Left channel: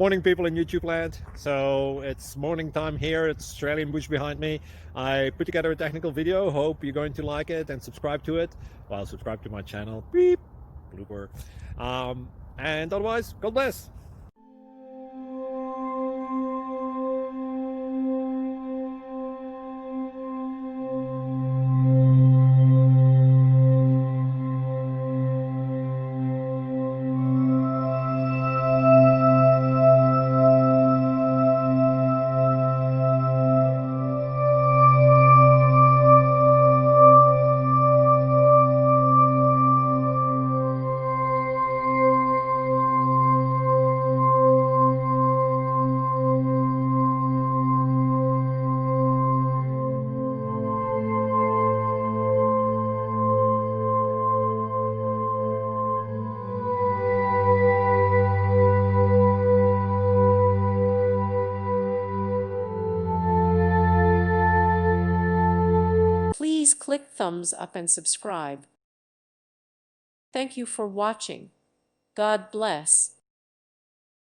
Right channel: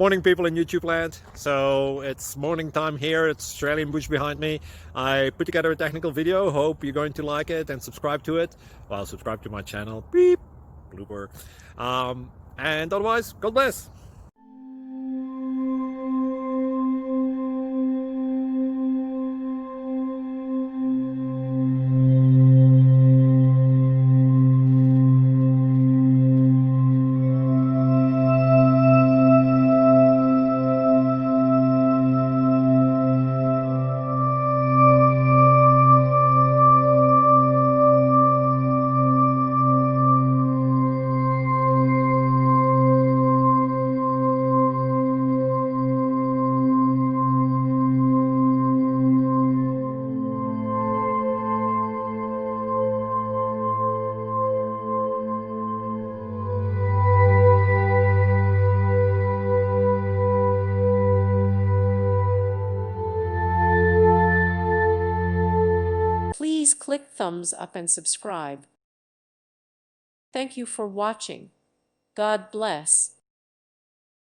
Morning, people in YouTube land. So it's morning time here. It's Australian bush behind me. I put together a technical video. Hope you're going to like it and subscribe to it. Well, subscribe to my channel. Beep. Blooper. And otherwise, God bless. Please click thumbs up and subscribe. Thank you for watching. God bless.